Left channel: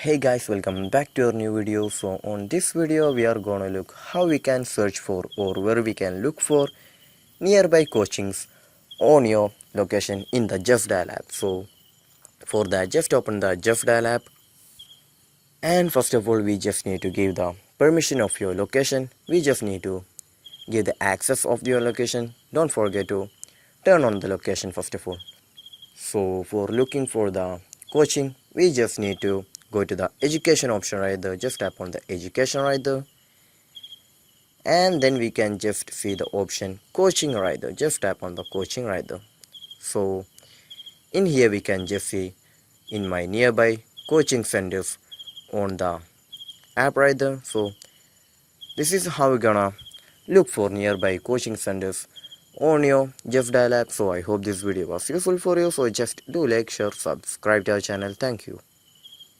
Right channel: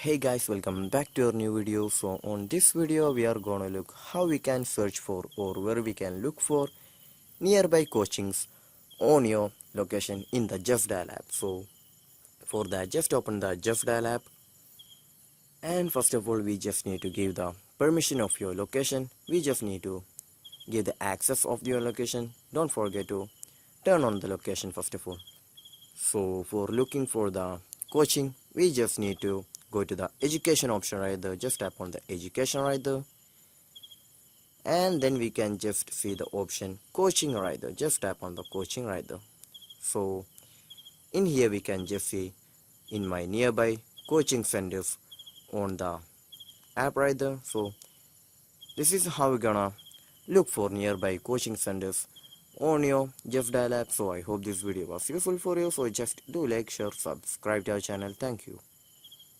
Hey guys, welcome back to our new video. So on this video we are gonna look how we can search for or where we can look for nearby coachings on your location in the Justdial app. So for that, just open the Justdial app, and first of all we just need to give the permission of your location. We just need to give the access of your location. Don't forget to turn on the location first of all. So for looking for the coaching, we just need to go to the education option right there. Just tap on the education right there, and then we can just see the option coaching right there. Just tap on the coaching right there. So in here we can just see in my nearby coaching centers on the app right there. So this is how we're gonna look for nearby coaching centers on your Justdial app. So I hope this video was useful for you. So just do like, share, subscribe to our channel. Thank you.